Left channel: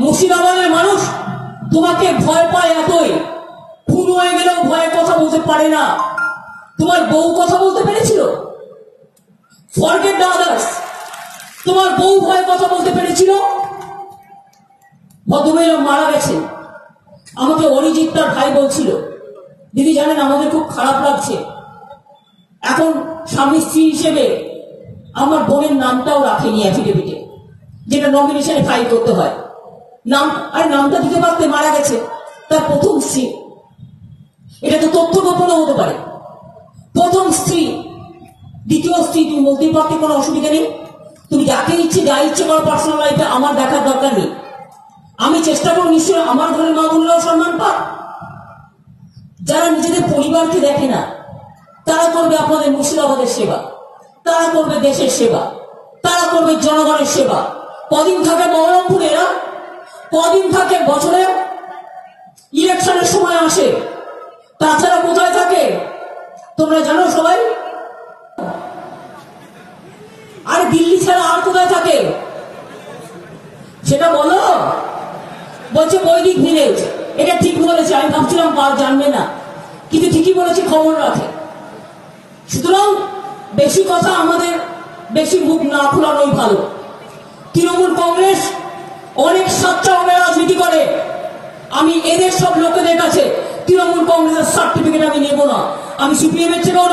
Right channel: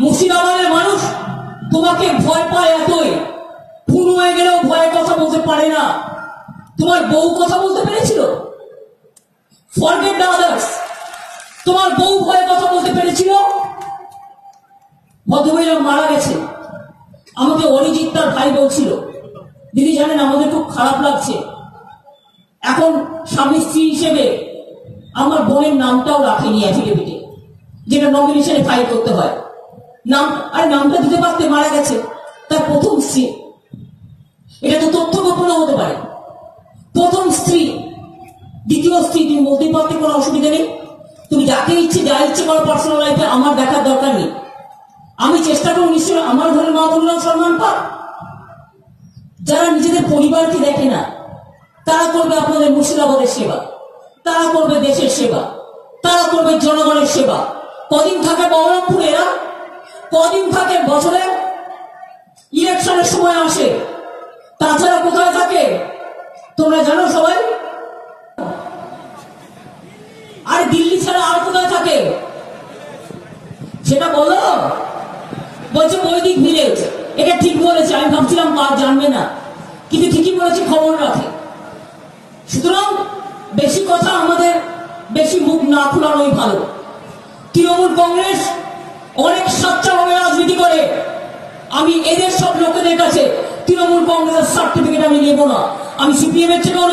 মুর্শিদাবাদের মানুষ তোমাকে ভয় পায় এতই, খুন হয়ে গেলেও ভয়ে কথা বলতে পারে না। তোমার বউ কথা বলতে পেরেছিল? ফরগেট দ্য আদার্স, তোমার বউ ভয়ে কথা বলতে পেরেছিল? ভদ্রমহিলা মারা গেছে। আমাকে অরিজিৎ তার ভাই বলছিল, দিদি জানেন আমাদের খুব খারাপ লাগছে, এখন স্বামী স্ত্রী হিসেবে আমার বোনের নামটাও রাখেনি অ্যাফিডেভিটে, যেটা নমিনেশনে ফাইল করতে হয়। নাম আর নামটা দিতে পারতে, মারা গেছে তার প্রথম স্ত্রী। এটা তো তথ্য গোপন হতে পারে। প্রথম স্ত্রী, দ্বিতীয় স্ত্রী তুমি বলতেই পারতে, কোনো অসুবিধা নেই। তুমি যাকে ইচ্ছে যা ইচ্ছে করো পার্সোনাল লাইফে, আমার দেখার দরকার নেই। আমি চেষ্টা করবো নিশ্চয়ই আমার ঘরের মা বোনেরাও সম্মান পাক। যারা নিজেদের পরিবারকে দেখে না, তারা করবে আপনাদের মুর্শিদাবাদের সেবা, তারা করবে দেশের সেবা, তারা করবে জনগণের সেবা। কদিন থাকে বহরমপুর এরা? কদিন থাকে বছরে? ইলেকশনের সময় আসে। তাছাড়া কোথায় থাকে তোমরা জানো সবাই? আর দিল্লি ছাড়া আর কোথায় থাকে সেটা বলো। বলছে বৈদিক ভিলেজ, এটা ঠিক বলেছে। আমি ভাবছিলাম জানবে না, কিন্তু ঠিকই বলেছি, খবর রাখে। সুতরাং বেশি কথা আমাদের, বেশি মুখ না খোলানোই ভালো। তৃণমূল কংগ্রেস অনেক সাচ্চাভাবে রাজনীতি করে। আমি এদের সব লোকেদের কাছে তৃণমূল কংগ্রেসের সার্টিফিকেট আমি নেব না। আমি সিপিএম এর চেয়েও